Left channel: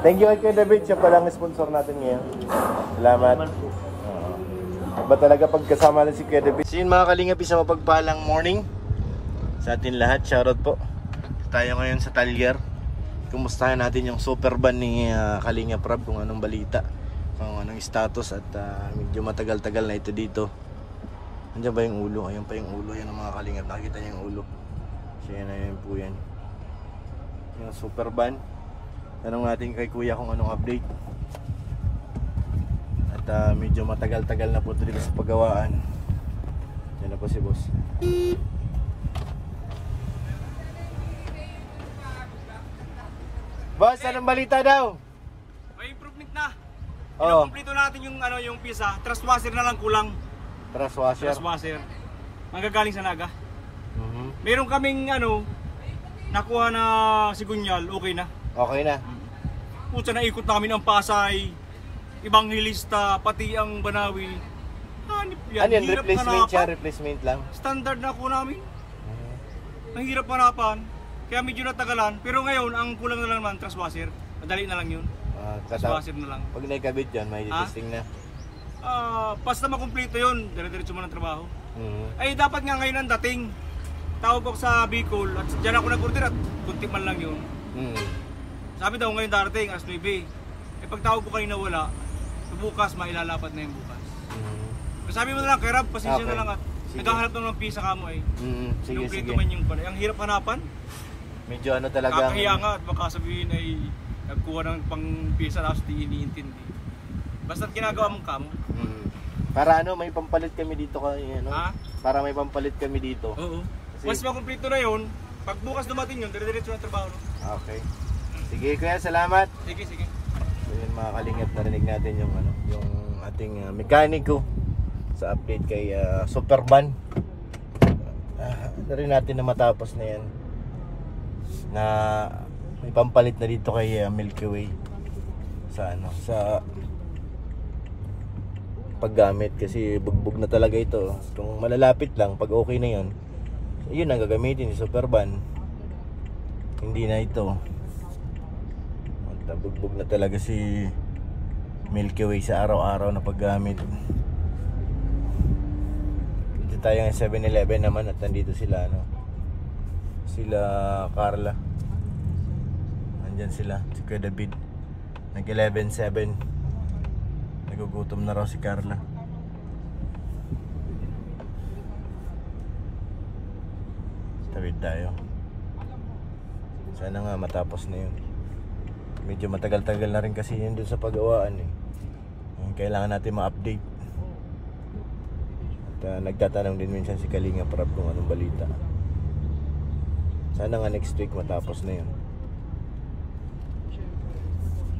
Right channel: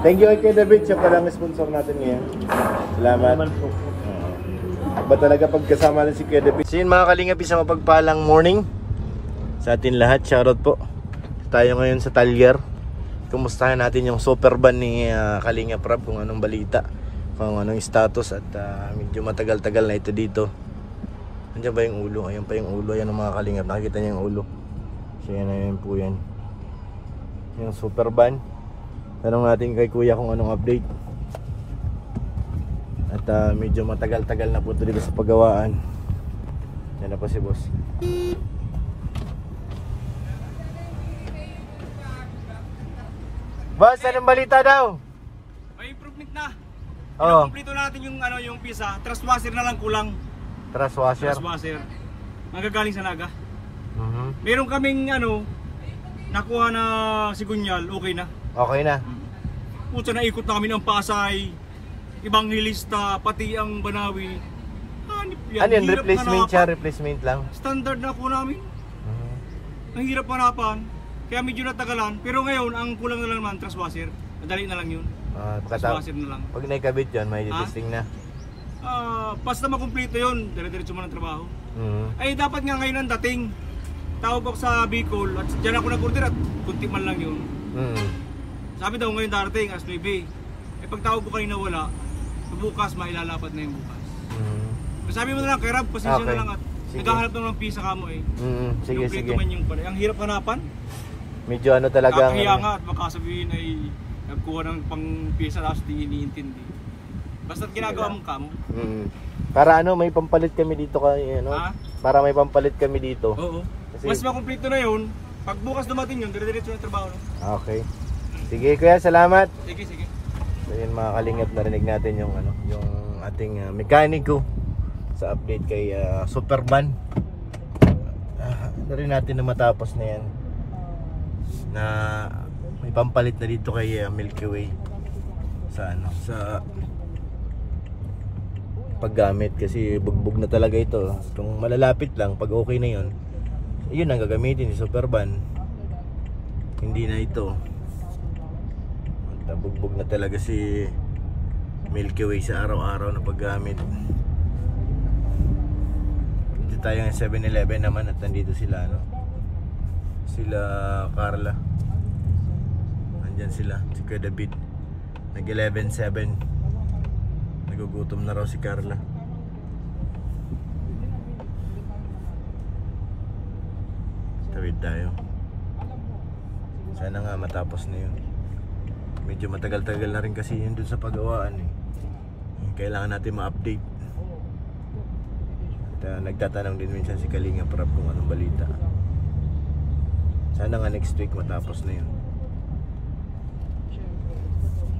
Thank you kay David, siya pala ang sponsor natin ngayon. Salamat. Ba talaga pagkasama lang si Kuya David. So yun mga Kalingap, isang mapagpalang morning sa atin lahat. Shoutout po. Tayo ngayon sa Talyer. Kumustahan natin yung super van ni Kalingap Rob, kung anong balita, kung anong status, at medyo matagal-tagal na ito dito. Andiyan ba yung ulo? Ayan pa yung ulo. Ayan ang mga Kalingap. Nakikita niyo yung ulo. So yan na yun po yan. Yung super van. Tanong natin kay Kuya kung anong update. At medyo matagal-tagal na po ito dito sa paggawaan. Yan na po si boss. Boss, anong balita daw? May improvement na. Oo. Kompleto natin yung yung pisa. Trust washer na lang kulang. Trust washer? Trust washer. Manggagaling sa Naga. Meron kaming nakuha na sigunyal, okay na. Okay na. Puta, naikot namin ang Pasay, Evangelista, pati ang Banawi. Hanip yan. Ano yan? Replacement siya? Replacement lang? Standard na ako namin. Ang hirap hanapan. Kaya medyo natagalan. Pero ngayon, ang kulang na lang naman, trust washer. Madali na lang yun. Trust washer na lang. Pag naikabit yun, may testing na. Basta makumpleto yun, dire-diretso mo ng trabaho. Ay, dapat nga ngayon ang dating. Tawag ako sa Bicol at dyan ako nag-order at kunti man lang yun. Sabi daw ngayon darating, alas 9. Eh pag tawag ko kanina wala, bukas mailalapat na yung bukas. Sabi mo na lang, kay Rab, pasensya na lang at naghahanap naman ng pisa ka mo eh. Sige, sige. Man yung pala. Ang hirap hanapan. Medyo ano talaga. Kakahiya nga at baka sabihin ay nagkuha ng pang pisa tapos di iniintindi. Basta't ginagawa mong kamo. Para may pampalit kami dito kay Para may pampalit kami dito. Oo. Kasi mas makumpleto na yun. Pag bukas dumating yun, dire-diretso na trabaho. Okay. Sige Kuya, salamat. Sige, sige. So yun mga Kalingap, narinig natin yung yung ating mekaniko sa update kay Superban. Na rin natin na matapos na yan. Na may pampalit na dito kay Milky Way sa sa paggamit, kasi bugbog na talaga ito. Kung malalapit lang, pag okay na yun, yun ang gagamitin ni Superban. Hindi na ito. Bugbog na talaga si Milky Way sa araw-araw na paggamit. Dito tayo ng 7-Eleven naman at nandito sila sila Carla. Nandyan sila, si Kuya David. Nag 11-7. Nagugutom na raw si Carla. Tawid tayo. Sana nga matapos na yun. Medyo matagal-tagal na rin kasi yun dun sa paggawaan eh. Kailangan natin ma-update. At nagtatanong din minsan si Kalingap Rob kung anong balita. Sana nga next week matapos na yun.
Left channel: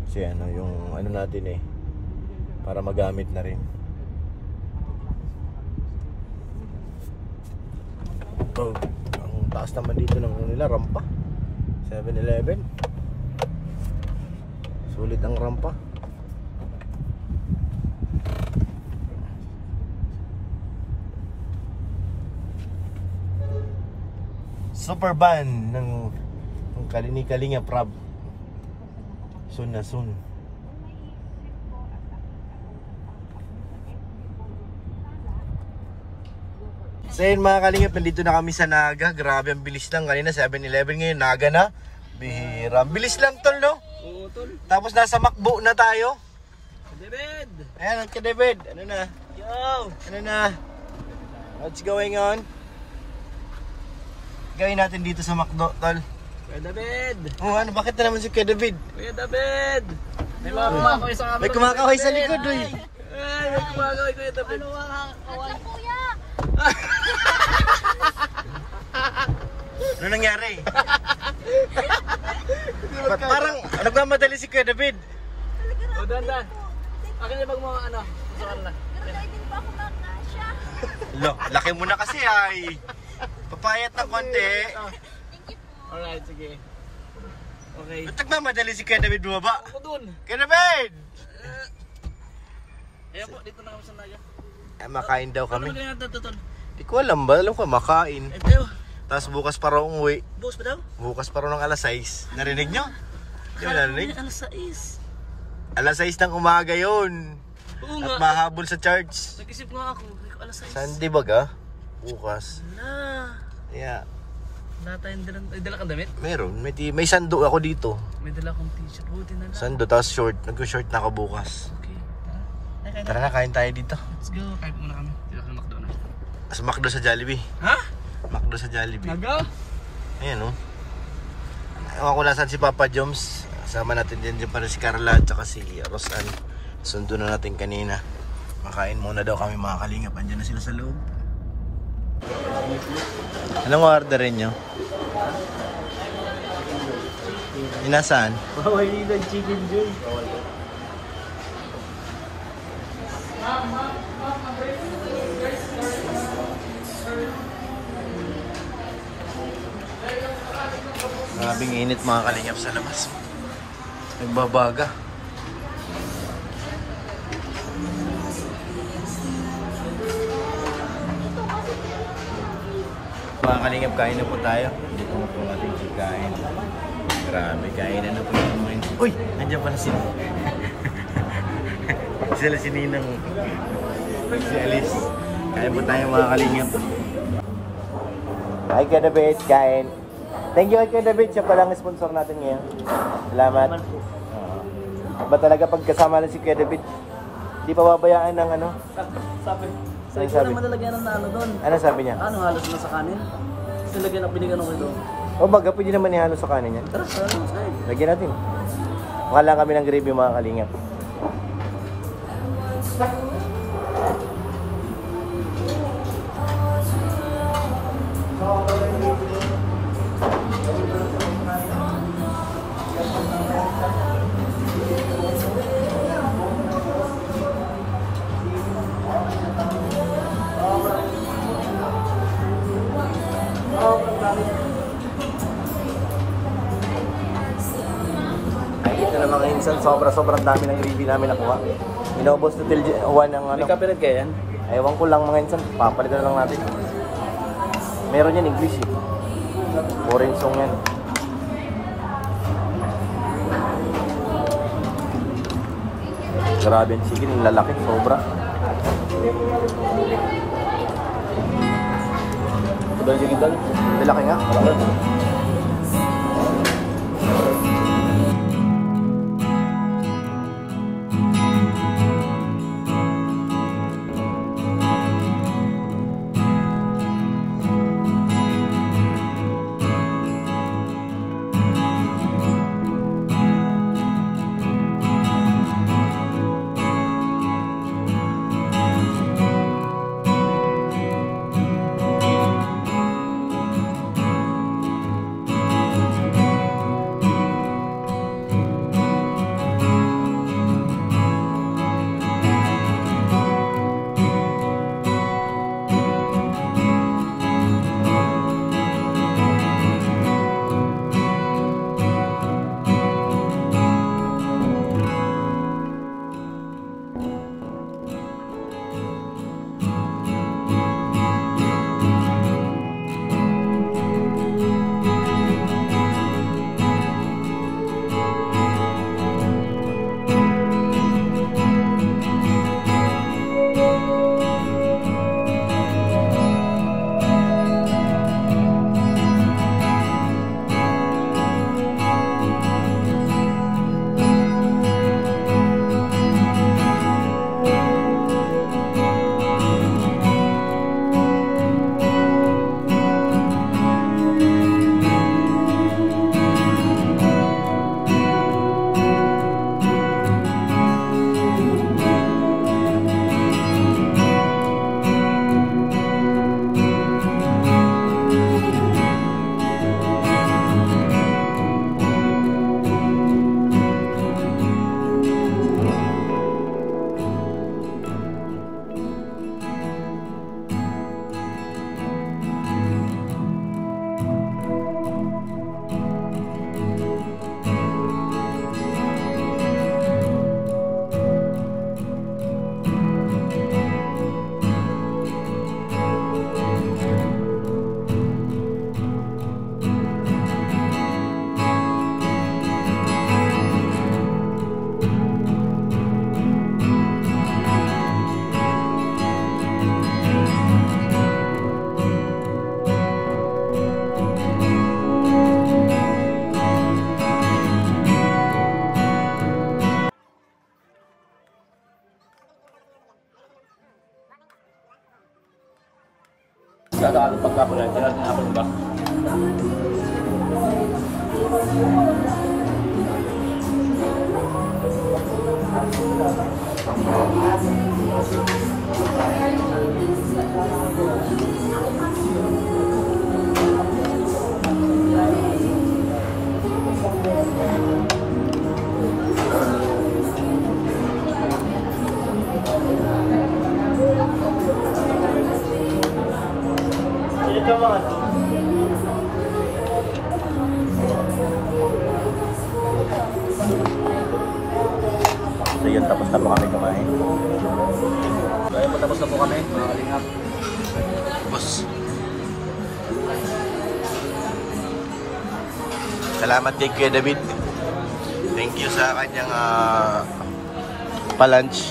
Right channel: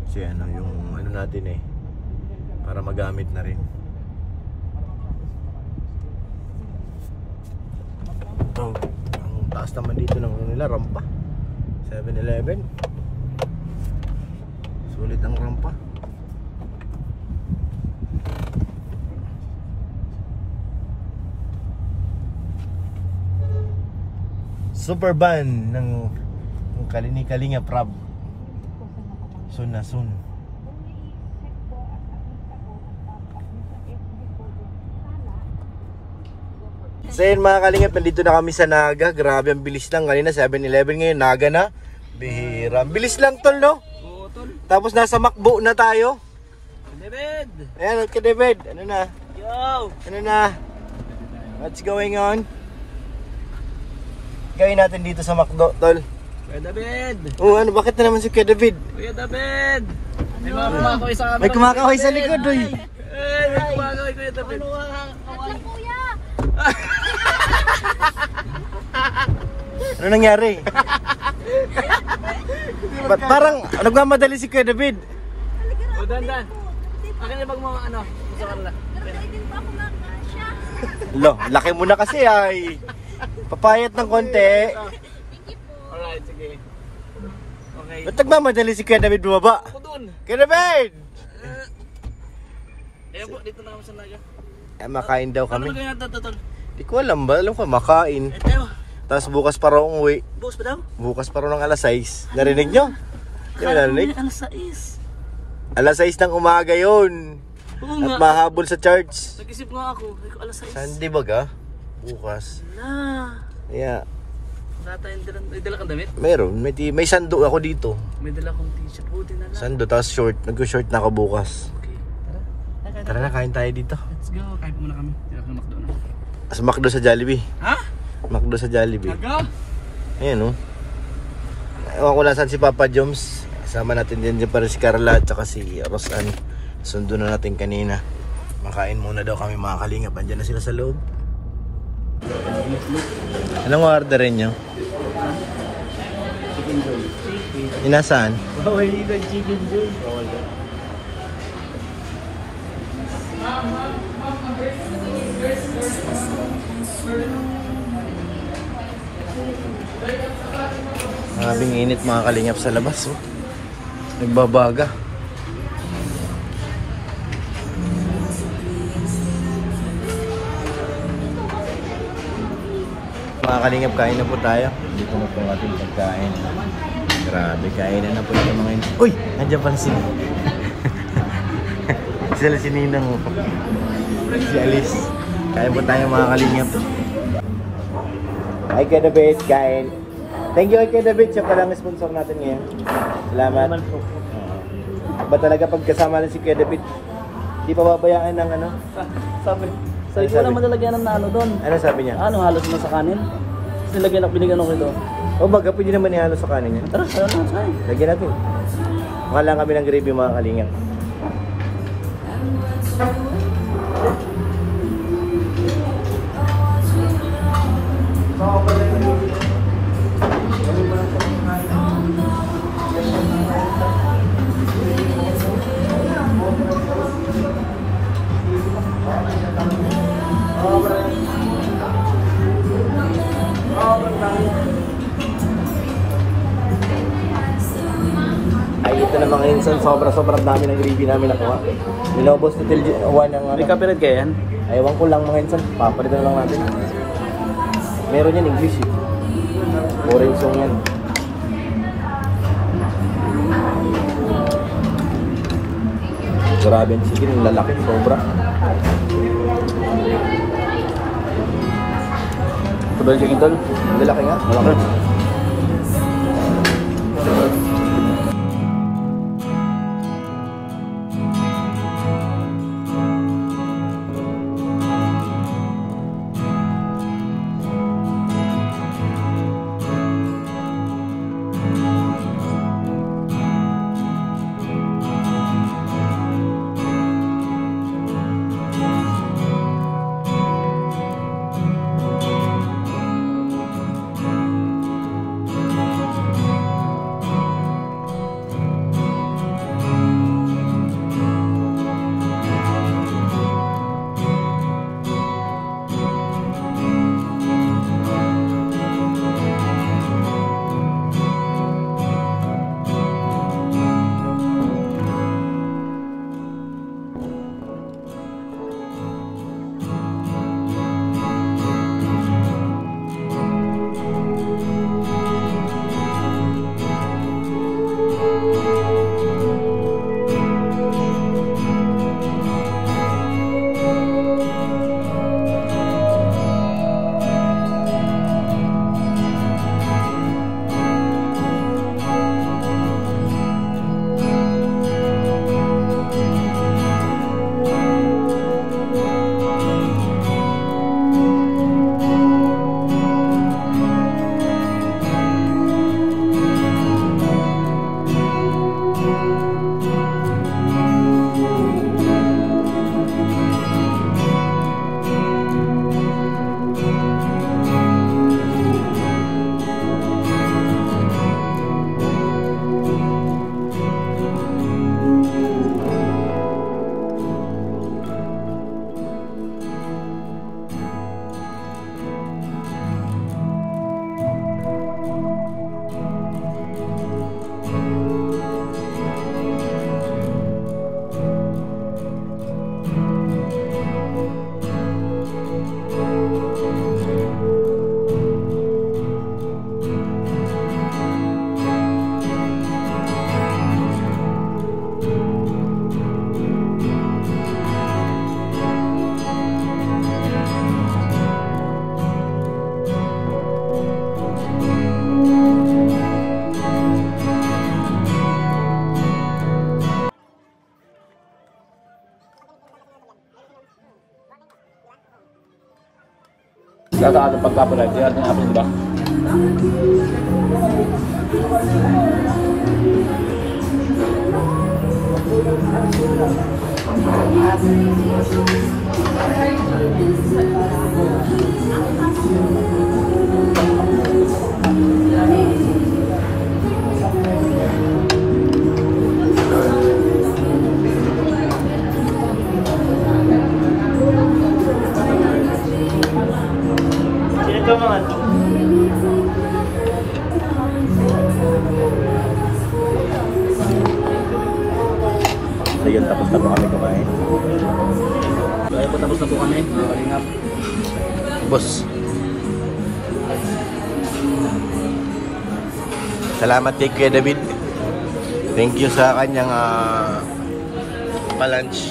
Kasi yung natin eh, para magamit na rin. Ang taas naman dito ng nila, rampa. 7-Eleven. Sulit ang rampa. Superban ng Kalingap Rob. Soon na soon. So yun mga Kalingap, nandito na kami sa Naga. Grabe, ang bilis lang. Kanina 7-Eleven, ngayon Naga na. Bihira. Bilis lang tol, no? Oo, tol. Tapos nasa Macbo na tayo. David! Ayan, okay David. Ano na? Yo! Ano na? What's going on? Gawin natin dito sa Macdo, tol. Kuya David! Bakit na naman si Kuya David? Kuya David! May mga kumakaway sa camera. May kumakaway sa likod, uy. May kumakaway Kuya David. Ano nangyari? Ba't parang nagmamadali si Kuya David? Maganda. Akin na bang mga sa kanila? Lo, laki mo na kasi ay. Papayat ng konti. Alright, sige. Okay. Ba't nagmamadali si Kuya David bumaba? Ako dun. Kuya David! Kaya po, dito na ako sa Naga. Makain daw kami. Ano kaya ito? Di ko alam ba? Alam ko makain. Ayo. Tapos bukas pa raw umuwi. Bukas pa daw? Bukas pa raw ng alas 6. Narinig nyo? Di mo narinig? Alas 6. Alas 6 ng umaga yun. Oo At nga. mahabol sa charge. Nag-isip nga ako. Ay, alas 6. Sunday ba ka? Bukas. Ah. Yeah. Wala tayong dala. May dala kang damit? Meron. May sando ako dito. May dala kong t-shirt. Buti na lang. Sando, tapos short. Nag-short na ako bukas. Okay. Tara. Tara na, kain tayo dito. Let's go. Kain muna kami. Tira ka McDo na. As McDo sa Jollibee. Ha? McDo sa Jollibee. Taga? Ayan oh. Ewan ko nasan si Papa Joms. Sama natin din pa rin si Carla at saka si Rosan. Sundo na natin kanina. Makain muna daw kami mga kalingap. Andiyan na sila sa loob. Anong orderin nyo? Chicken joy. Inasaan? Oh, illegal chicken joy. Mabing init mga kalingap sa labas. Oh. Nagbabaga. Mga kalingap, kain na po tayo. Dito na po ang ating pagkain. Grabe, kainin na po ito mga yun. Uy! Nandiyan pala si sila si Ninang. Si Alice. Kain po tayo mga kalingap. Hi Kedabit, kain. Thank you kay Kedabit. Siya palang sponsor natin ngayon. Salamat. Ba talaga pagkasama lang si Kedabit, di pa babayaan ng ano? Sabi. So, Ano ikaw sabi? naman nalagyan ng ano doon. Ano sabi niya? Ano, halos na sa kanin? Nilagyan ako, binigyan ako ito. O baga, pwede naman ihalo sa kanin niya. Tara, ano, ay. Lagyan natin. Mukha kami ng gravy mga kalingap. Ay, ito na mga insan, sobrang dami ng gravy namin nakuha. Minobos na till one ng ano. May copyright kaya yan? Ewan ko lang mga insan, papalitan na lang natin. Meron yan English eh. Foreign song yan. Grabe ang chicken, yung lalaki, sobra. Ito ba yung chicken doon? Lalaki nga. Sa pagkapala, ito yung ating apple, diba? Ayun, tapos na po kami kumain. So, ayun po, tapos na po kami, mga kalingap. Boss. Salamat kay Kuya David. Thank you sa kanyang pa-lunch.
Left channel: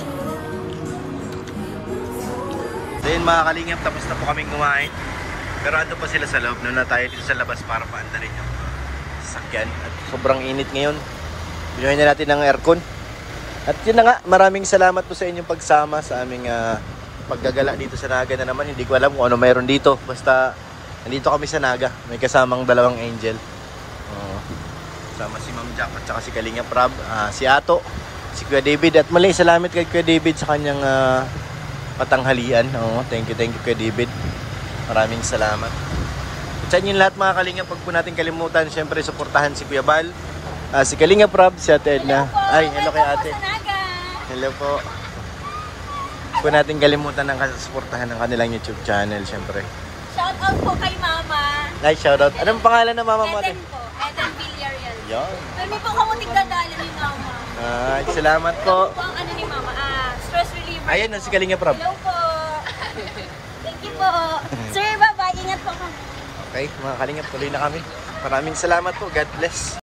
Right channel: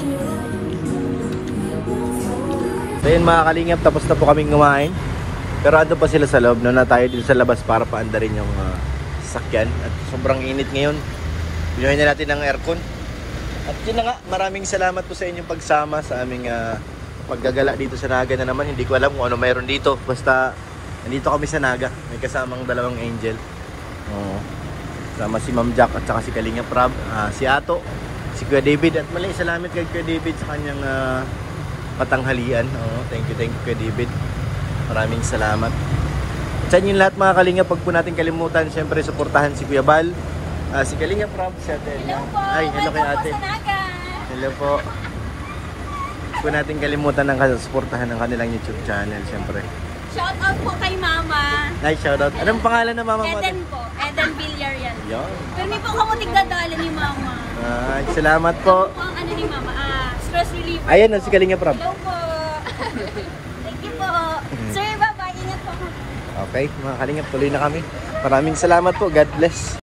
So yun mga kalingap, tapos na po kaming kumain. Pero ando pa sila sa loob. Na tayo dito sa labas para paandarin yung sasakyan. At sobrang init ngayon. Binuhin na natin ng aircon. At yun na nga, maraming salamat po sa inyong pagsama sa aming paggagala dito sa Naga na naman. Hindi ko alam kung ano mayroon dito. Basta nandito kami sa Naga. May kasamang dalawang angel. Sama si Ma'am Jack at saka si Kalinga Prab, si Ato, si Kuya David. At mali, salamat kay Kuya David sa kanyang patanghalian. Thank you Kuya David. Maraming salamat. At sa inyo lahat mga Kalinga, pag po natin kalimutan, syempre suportahan si Kuya Bal, si Kalinga Prab, si Ate Edna. Ay, hello kay Ate. Hello po. Huwag po natin kalimutan ng suportahan ng kanilang YouTube channel, syempre. Shout out po kay Mama. Nice shout out. Anong pangalan ng mama mo? Eden po. Eden Villarreal. Yan. Dami po kamuting dadala ni Mama. Salamat po. Po ang ano ni Mama. Stress reliever. Ayan, po. si Kalinga Prab. Hello po. Thank you po. Sir, bye-bye. Ingat po. Okay, mga Kalingap, tuloy na kami. Maraming salamat po. God bless.